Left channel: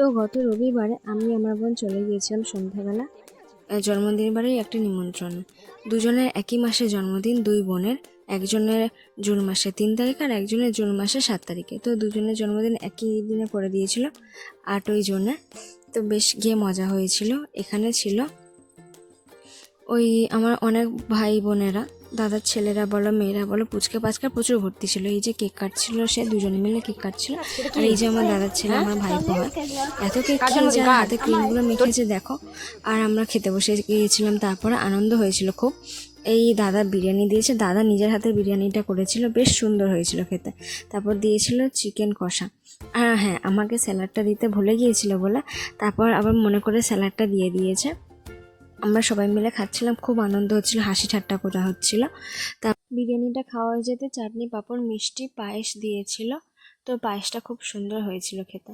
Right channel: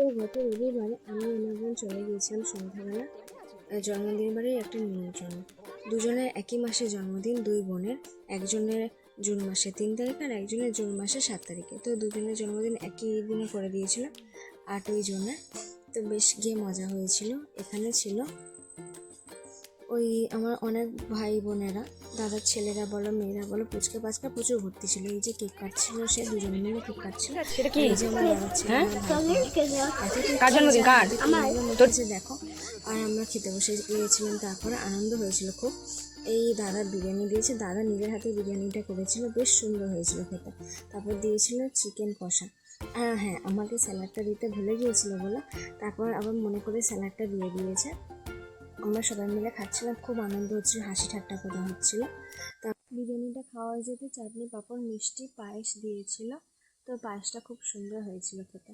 তো গত রবিবারে আমি আমার বোন চলে গিয়েছিলাম সন্ধ্যাবেলা। জন্মদিন বাড়ির একটা নিমন্ত্রণ। দুজনের একই মাসে জন্মদিন, দুই বোনের। একজনের জুন মাসে তিন তারিখ আর একজনের জুন মাসে সাত তারিখে। তো দুজনের জন্মদিন একই দিনে করে দিয়েছিল, আটই জুনে। তো বেশ গিয়ে মজা হয়েছিল। এখানে ছিল ওই আমার অনেক ভাই বোনেরা দাদার ছেলেরা বলো মেয়েরা বলো পুচকে পাচকা প্রচুর ভর্তি ছিল। এই যে কেক কাটছিল সে দুজনে মিলে কেক কাটছিল। আর এই যে আমার দাদার ছেলে আমার ভাই বোন। এত কেক কেকগুলো মেখেছে দেখো। আর আমরা খেতে বসে গিয়েছিলাম তারপরে আনন্দ হয়েছিল খুব। এই দাদা বিরিয়ানি দিয়েছে দাদা নিজের হাতে বিরিয়ানিটা করেছিল বেশ সুন্দর হয়েছিল খেতে। তারপর দিয়েছিল চিকেন কষা। আর হ্যাঁ আমাকে স্যালাডটা দিতে ভুলে গিয়েছিল বলে তারপর আবার মনে করে স্যালাডটা দিয়ে দিয়েছে। আমরা সবাই মিলে খাচ্ছিলাম, খুব আনন্দ হচ্ছিল, হাসি ঠাট্টা করা হচ্ছিল। তা বিরিয়ানিটা খাওয়া যেতে চাটনি, পাঁপড়, মিষ্টি, পায়েস দিয়েছিল। তো পায়েসটা খুব সুন্দর হয়েছিল খেতে।